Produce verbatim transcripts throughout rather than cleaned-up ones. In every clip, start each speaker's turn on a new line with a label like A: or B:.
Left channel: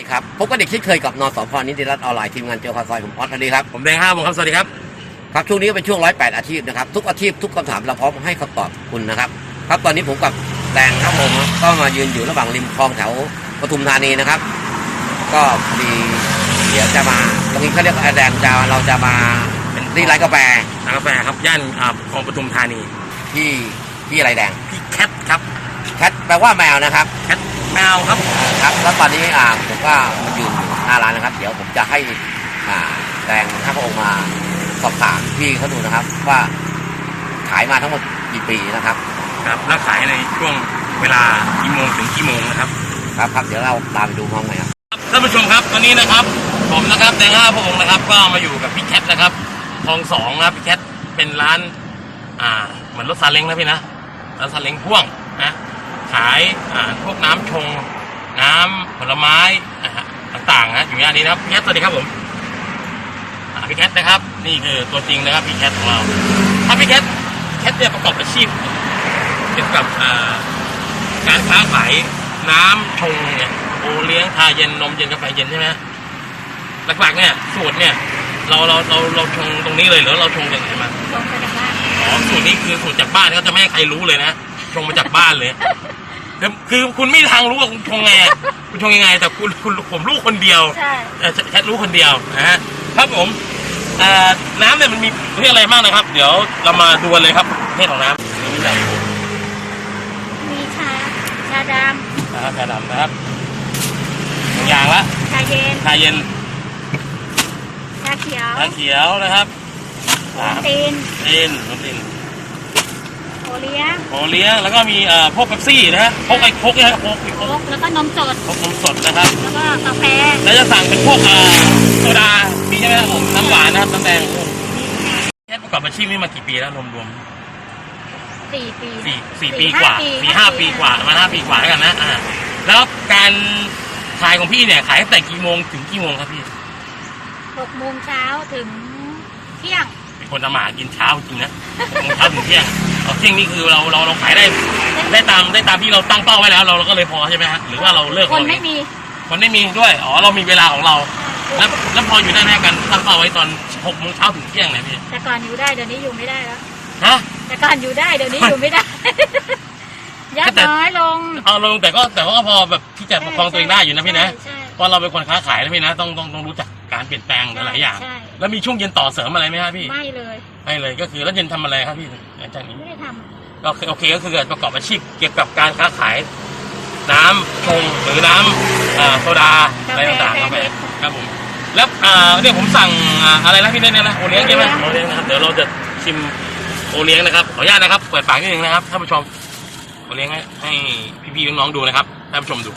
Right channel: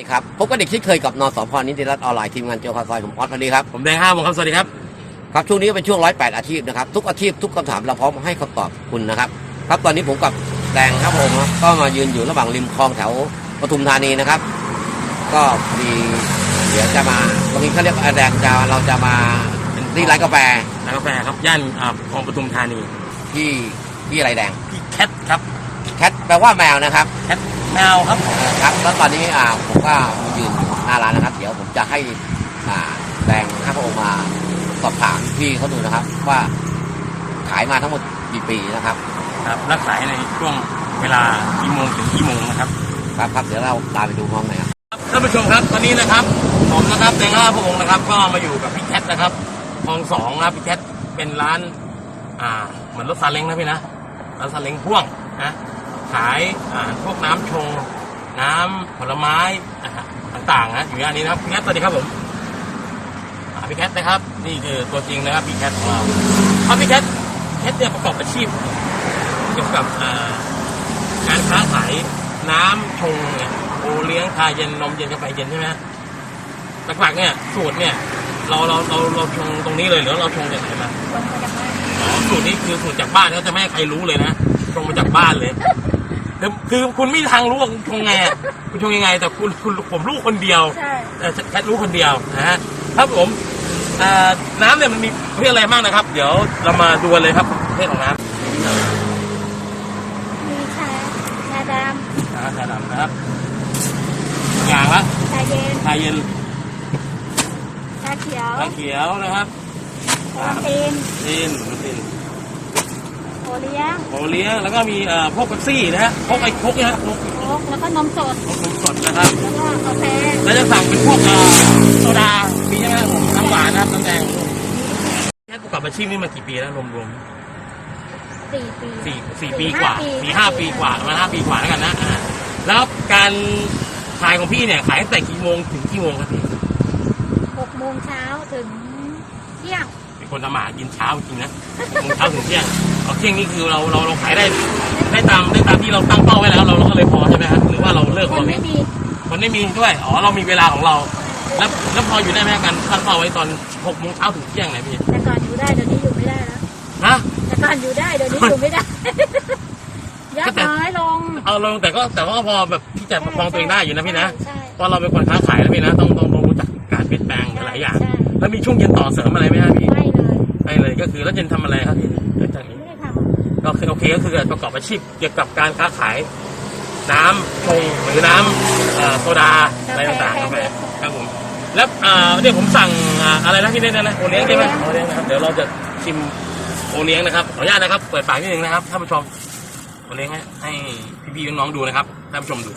A: ดีครับพบกับเด็กที่เคยกับนสพนิติรัตน์ออนไลน์ทีมงานเจ้าข่าวซอยผมออสสวัสดีครับ
B: ผมแดงห้าวงครับสวัสดีครับ
A: ครับช่วงนี้เป็นช่วงร้อยแปดอาชีพนะครับทุกอาชีพทุกคำถามเราพร้อมให้คำตอบคุณนะครับครับตอนนี้ผมกับแดงครับผมก็มายืนอยู่ระหว่างริมคลองแถวปทุมธานีนะครับก็พอดีเดี๋ยวจะมาตรงนี้เขาเรียกแดงจะเราจะมาเป็นที่ร้านกาแฟ
B: ร้านกาแฟครับย่านคลองปทุมธานี
A: ที่ที่อะไรแดง
B: ที่แคทครับ
A: แคทแปลว่าแมวนะครับ
B: แคทแมวครับ
A: ครับแล้วตอนนี้อ่าผมก็มายืนอยู่หน้าร้านนะครับเดี๋ยวผมจะให้อ่าแดงห้าพระองค์มาสอบถามพี่เขาดูนะครับว่าขายมาทั้งหมดกี่ปีนะครับ
B: ครับแล้วขายในช่วงเวลากี่โมงถึงกี่โมงนะครับ
A: ครับครับเดี๋ยวเราตามไปดูพร้อมกันครับ
B: ท่านผู้ชมครับตอนนี้นะครับผมนะครับแดงห้าพระองค์นะครับก็มาอยู่กับพี่แคทนะครับคลองสองนะครับพี่แคทเป็นร้านอ่าเหมือนรถซาเล้งนะพี่นะร้านซาเล้งพ่วงนะขายอ่าพวกน้ำชงน้ำผลไม้ต่างๆนะอยู่ย่านนี้นะครับพี่แคทสวัสดีครับผมพี่แคทนะครับนี่คือตัวจริงนะครับพี่แคทของเราถ้าพี่แคทแคทเนี่ยประกอบอาชีพเกี่ยวกับการค้าขายน้ำชงเนี่ยโอเลี้ยงชาเย็นนมเย็นกาแฟเย็นใช่ไหมหลักๆเนี่ยสูตรเนี่ยเราเราเราเราชงตรงนี้เลยหรือเราชงจากไหนมา
C: ชงมาจากบ้าน
B: อ๋อสูตรนี้คือสูตรจากบ้านเขาจะไม่ให้ใครรู้เลยนะชงมาจากบ้านเลยคือคุณไม่ทางรู้ว่าคุณชงไงคุณชงยังไงแต่คุณคุณผมรู้คนเดียว
C: ใช่
B: แค่รู้คนเดียวนะฮะครับผมน้ำเนี่ยมันมีเรื่องอะไรบ้างนะครับเดี๋ยวเรามาดูเลยครับประเภทของน้ำมีอะไร
C: มีชาชาดำ
B: ชาดำนะครับอย่างละ
C: ชาเย็น
B: ชาเย็น
C: ชาเขียว
B: ชาเขียวนะครับ
C: โอตีน
B: ตีนโอตีน
C: โอเลี้ยง
B: โอเลี้ยงแล้วก็มีเอ่อพวกเป๊ปซี่นะฮะพวกไอ้พวกนี่ฮะพวก
C: พวกแล้วก็นมสด
B: พวกนมสดนะครับ
C: แล้วก็กาแฟ
B: แล้วจะสั่งเป็นพวกเอ่อโซดามีใช่ไหมครับผมน้ำหวานนะครับน้ำแดงแค่ประกอบอาชีพนี้มากี่ปีแล้วรวม
C: ๆสี่ปี
B: สี่สี่ปีกว่าสี่ห้าปีกว่ามาห้าปีกว่าแล้วกันนะอ่าแล้วการขายของพี่เนี่ยขายตั้งแต่กี่โมงถึงกี่โมงครับพี่
C: หกโมงเช้าถึงเที่ยง
B: เป็นคนทำหมากินเช้าจริงนะหกโมงเช้าถึงเที่ยงเอาเที่ยงนี่คือเราเราเราขายได้ได้ตามได้ตามที่เราตั้งเป้าไว้แล้วเราเราก็เลยพอใช่ไหมครับหรือว่าเราเลิก
C: คนไม่มี
B: คนไม่มีด้วยอ๋อเรามีเวลาของเราแล้วแล้วพออยู่ได้ไหมกันตั้งเป้าไว้ตอนหกโมงเช้าถึงเที่ยงไหนพี่
C: แต่ก่อนอยู่ได้เดี๋ยวนี้อยู่ไม่ได้แล้ว
B: ฮะ
C: แต่ก่อนอยู่ได้เดี๋ยวนี้อยู่ไม่ได้ยัดน้อยลง
B: เอาลงแต่ก็แต่ว่าพอแบบที่จะประคองตัวเองได้อยู่นะพี่นะพอเราเป็นคนค้าขายแล้วพี่นะต้องต้องต้องรู้จักการเปลี่ยนแปลงหลายอย่างแล้วมีช่วงเย็นต่อเสริมอะไรไหมครับพี่
C: ไม่เลย
B: ไม่เลยก็คือแล้วเย็นทำอะไรครับพี่หลังจากนี้
C: ไม่ได้ท
B: ำก็คือโอเคก็คือประกอบอาชีพเกี่ยวกับการค้าขายน้ำชงหรือน้ำโซดาอะไรต่างๆครับครับผมแล้วเดี๋ยวผมสั่งอะไรนะพี่เนทเนี่ยนะโอเลี้ยงใช่ไหมโอเลี้ยงนะครับเดี๋ยวเราจะชิมโอเลี้ยงนะครับขออนุญาตนะครับเปิดปากนิดนึงนะครับท่านผู้ชมโอเลี้ยงให้ให้พี่ๆน้องๆดูนะครับท่านผู้ชมดู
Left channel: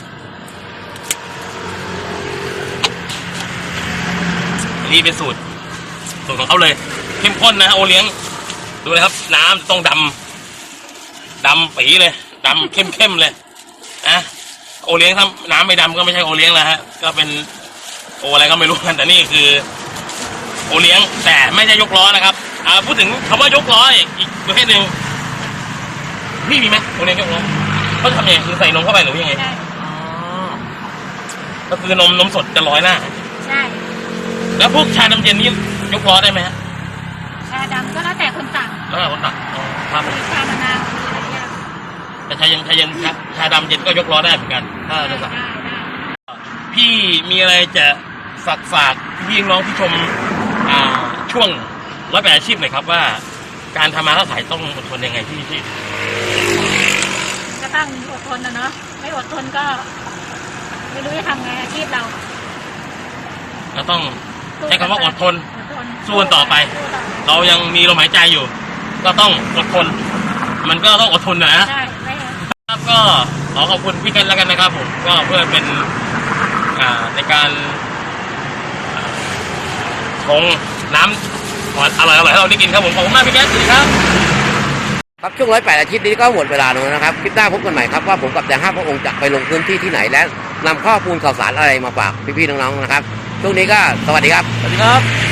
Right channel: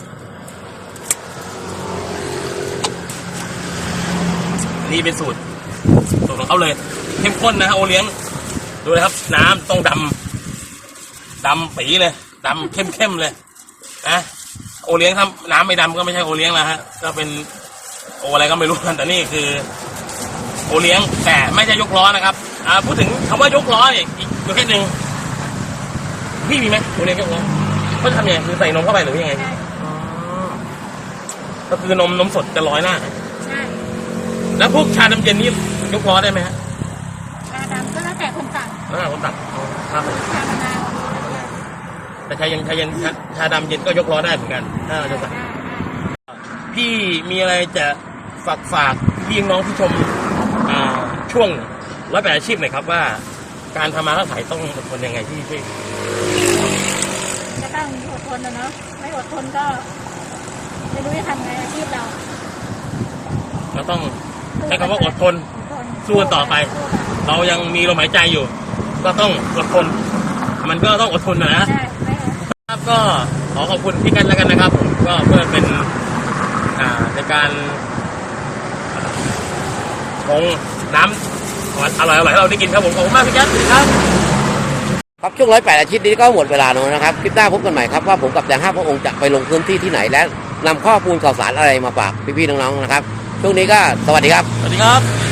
B: นี่เป็นสูตรสูตรของเขาเลยเข้มข้นนะโอเลี้ยงดูเลยครับน้ำต้องดำดำปีเลยดำเข้มเข้มเลยนะโอเลี้ยงถ้าน้ำไม่ดำก็ไม่ใช่โอเลี้ยงแล้วฮะก็เป็นโออะไรก็ไม่รู้กันแต่นี่คือโอเลี้ยงแต่ไม่ใช่ยกล้อนะครับอ่าพูดถึงคำว่ายกล้ออีกประเภทหนึ่งพี่มีไหมโอเลี้ยงยกล้อเขาทำยังไงคือใส่นมเข้าไปหรือยังไงอ๋อก็คือนมนมสดจะร้อยหน้า
C: ใช่
B: แล้วพวกชาน้ำเย็นนี่ยกล้อได้ไหมฮะ
C: ชาดำก็แล้วแต่คนสั่ง
B: แล้วแต่คนสั่งอ๋อครับ
C: ชามะนาว
B: แต่ชาเย็นชาเย็นชาดำเย็นก็ยกล้อได้เหมือนกันถ้าจะสั่งพี่มีอะไรจะฝากฝากพี่น้องที่ชมช่วงร้อยแปดอาชีพหน่อยครับว่าการทำมาค้าขายต้องอดทนยังไงพี่พี่
C: ก็ต้องอดทนนะเนาะไม่อดทนก็ไม่รู้จะทำไงอาชีพเรา
B: เราต้องใช้คำว่าอดทนสู้กันต่อไปเรายังมีลมหายใจอยู่ก็ต้องอดทนมันก็ต้องอดทนนะครับก็ขอขอบคุณพี่กันแล้วกันนะครับผมก็เพื่อเป็นในการชงน้ำอร่อยอร่อยให้เราได้กินครับผมขอบคุณมากพี่แก๊สสวัสดีครับ
A: ครับช่วงร้อยแปดอาทิตย์นี้ก็หมดเวลาแล้วนะครับคลิปหน้าพบกันใหม่ครับว่าผมกับแดงห้าพระองค์จะไปลงพื้นที่ที่ไหนและนำข้อมูลข่าวสารอะไรมาฝากพี่ๆน้องๆนะครับช่วงนี้ก็สวัสดีครับ
B: สวัสดีครับ